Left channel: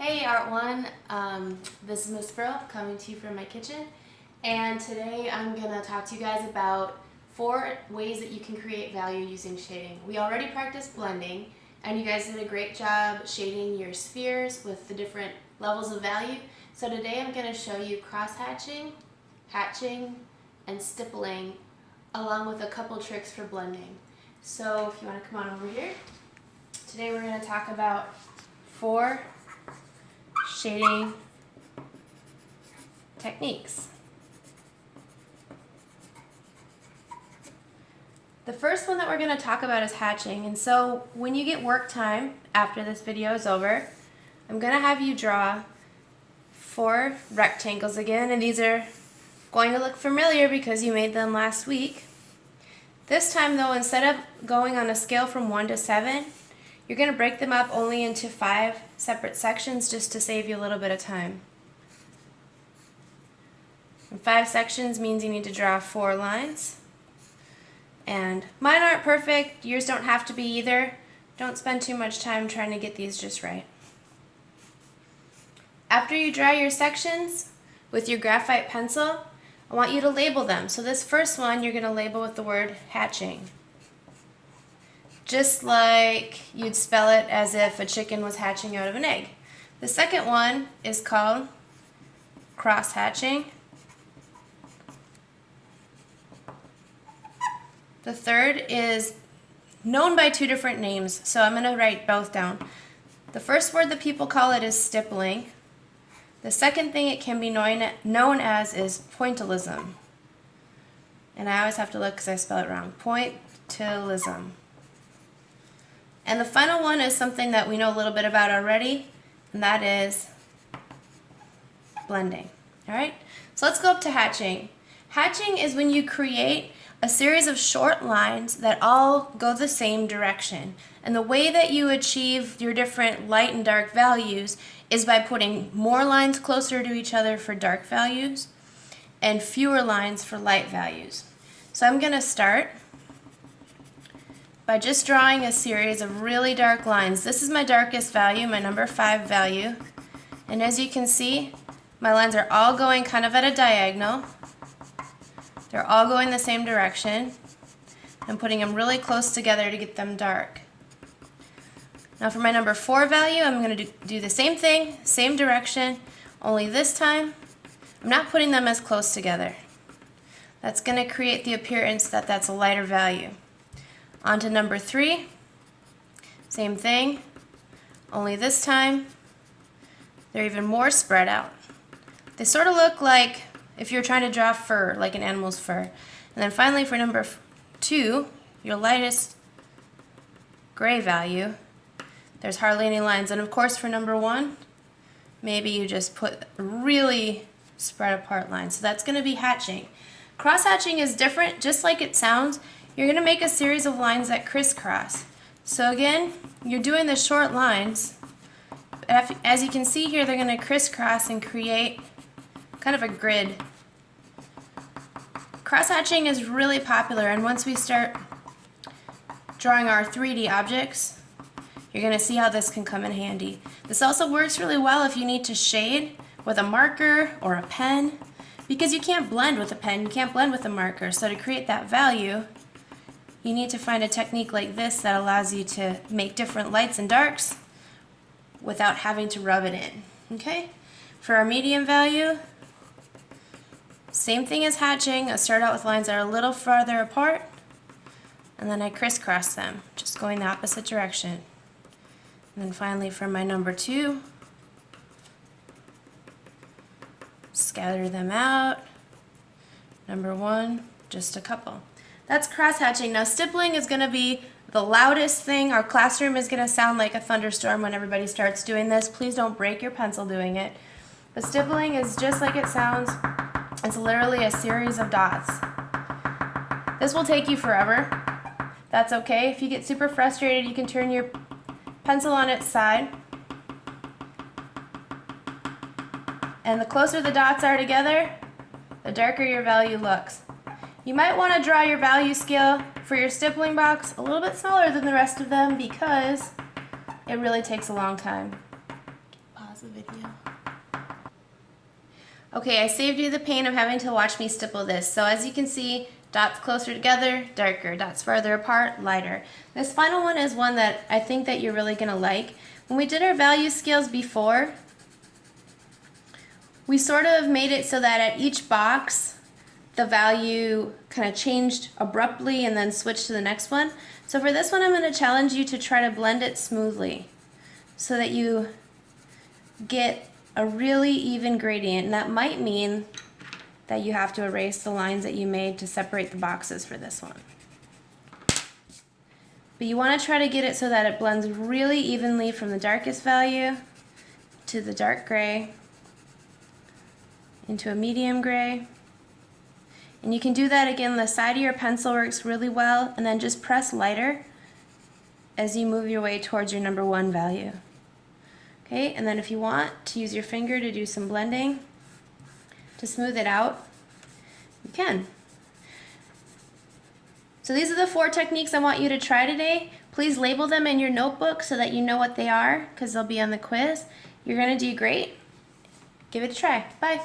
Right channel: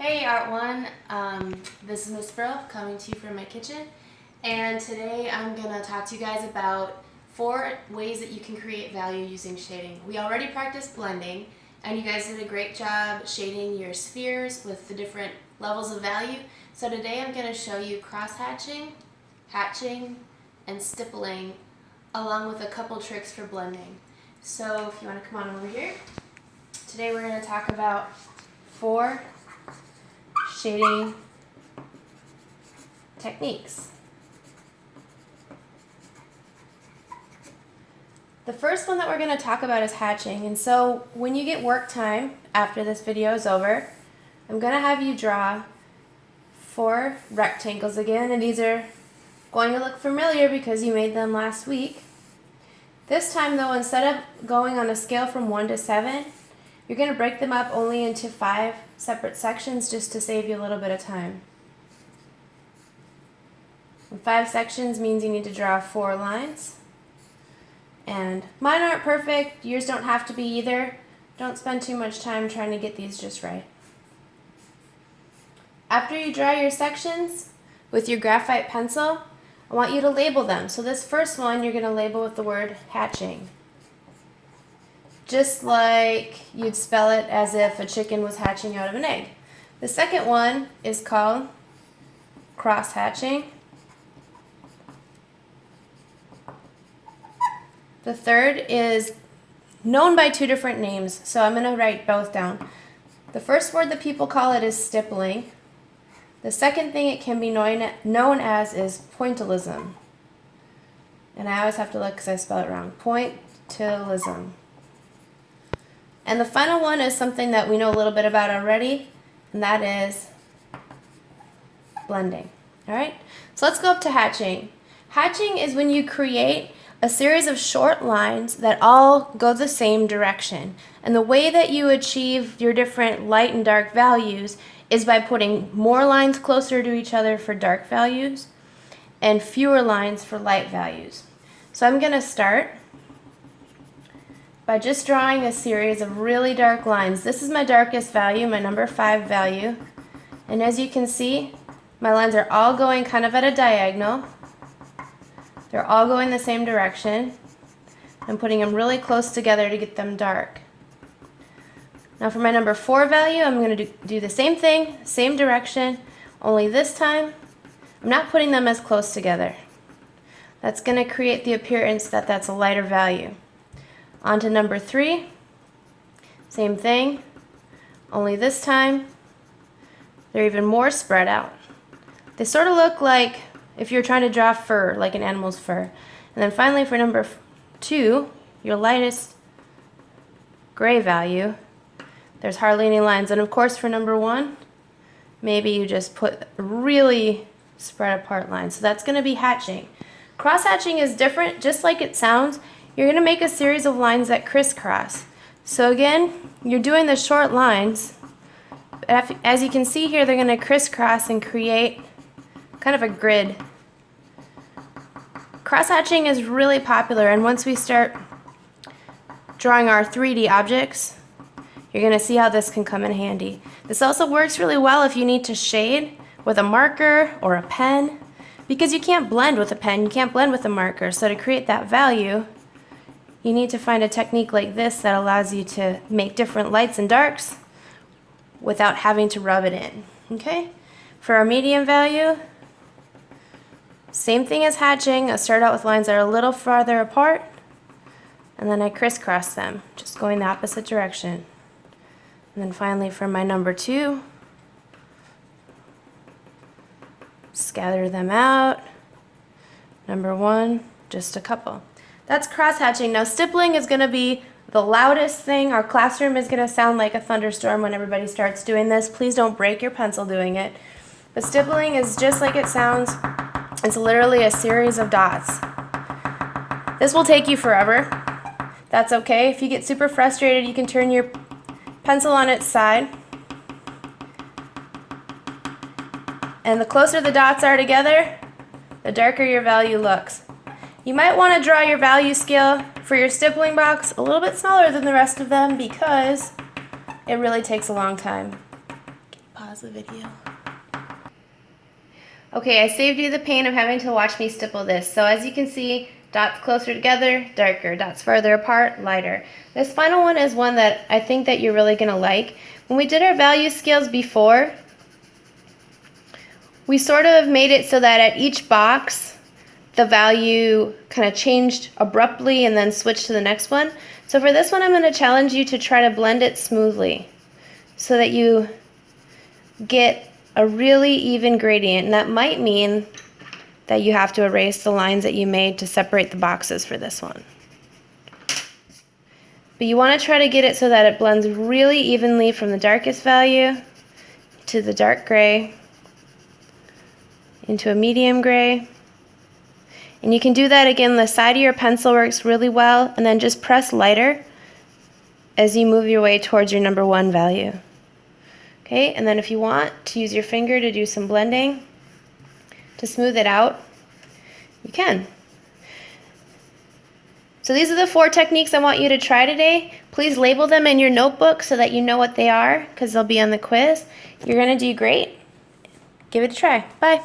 Hey Art One, this is Miss Brill coming to you from my kitchen, and today I'm going to talk to you guys about 4 ways that you can create value using shading. We already practiced blending, and you guys did a great job shading your spheres with the different levels of value. So today I'm going to show you cross-hatching, hatching, and stippling, along with a couple tricks for blending. So if you want to come on over here, today we're going to talk about 4 shading techniques. The first one that we're going to talk about is hatching. And so when you get work time after this video is over, I'm going to have you draw 4 rectangles again, and these are going to look familiar because you made them last week. This time though, instead of going on a scale from 1 to 7, you're going to break them up only into 5 separate sections just to save you a little bit of time. And 5 sections means you need to draw 4 lines. And mine aren't perfect, yours don't have to be either. Don't spend too much time trying to get these just right. After you draw your sections with your graphite pencil, I want you to label them. So this first one you're going to label with the word hatching. Just like you'd spell it as if a chicken was hatching out of an egg. The second one is called cross-hatching. The third is known by 2 different names, so I'm going to write both down. The first word that people call it is stippling. The second thing it can be known as is pointillism. And I always have to look because I spell it wrong. Pointillism. And the final one is something that we know a little bit about already, and that is blending. All right, so let's go up to hatching. Hatching is when you create a series of short lines that all go the same direction. And the way that you achieve your different light and dark values is by putting more lines closer to each other for dark values and fewer lines for light values. So I'm going to start by just drawing a series of really dark lines. This is my darkest value, my number 5 value. And as you can see, my lines are all going kind of at a diagonal. They're all going the same direction. I'm putting them really close together to get them dark. Now for my number 4 value, I'm going to do the same thing, same direction, only this time I'm not putting them as close together. That's going to create the appearance that that's a lighter value. On to number 3, same thing, only this time they're even more spread out. They sort of look like if you're trying to draw fur, like an animal's fur. And then finally for number 2, your lightest gray value, there's hardly any lines. And of course for number 1, maybe you just put really spread apart lines. So that's going to be hatching. Cross-hatching is different, just like it sounds. You're going to make a series of lines that crisscross. So again, you're doing the short lines. As you can see here, they're going to crisscross and create kind of a grid. Cross-hatching is really popular, and once we start drawing our 3D objects, you're going to see how this can come in handy. This also works really well if you need to shade with a marker or a pen, because you can't blend with a pen, you can't blend with a marker. So to create that value, you need to find a technique like this that allows you to make different lights and darks without having to rub it in. Okay? For our medium value, same thing as hatching. I start out with lines that are a little farther apart, and then I crisscross them, just going the opposite direction. And then finally for my number 2, scatter them out. Number 1, just a couple. That's cross-hatching. Now stippling is going to be the loudest thing. Our classroom is going to sound like a thunderstorm when everybody starts doing this. Please don't break your pencil doing it. But stippling is just like it sounds. It's literally a series of dots. This will take you forever. That's okay. If you get super frustrated, you can turn your pencil on its side. And the closer the dots are together, the darker your value looks. You might want to draw your value scale for your stippling box a little bit smaller than the rest of them because it really takes a long time. Pause pause the video. Okay, I saved you the pain of having to watch me stipple this. So as you can see, dots closer together, darker. Dots farther apart, lighter. This final one is one that I think that you're really going to like. When we did our value scales before, we sort of made it so that at each box, the value kind of changed abruptly and then switched to the next one. So for this one, I'm going to challenge you to try to blend it smoothly so that you get a really even gradient, and that might mean that you have to erase the lines that you made to separate the boxes for this one. But you want to try to get it so that it blends really evenly from the darkest value to the dark gray into a medium gray. And you can do that again, the side of your pencil works really well, and then just press lighter as you move your way towards your number 1 value. Okay, and then if you want to use your finger to do some blending to smooth it out, you can. So these are the 4 techniques I want you to try today. Please label them in your notebook so that you know what they are, because they'll be on the quiz. You're going to do great. Give it a try. Bye.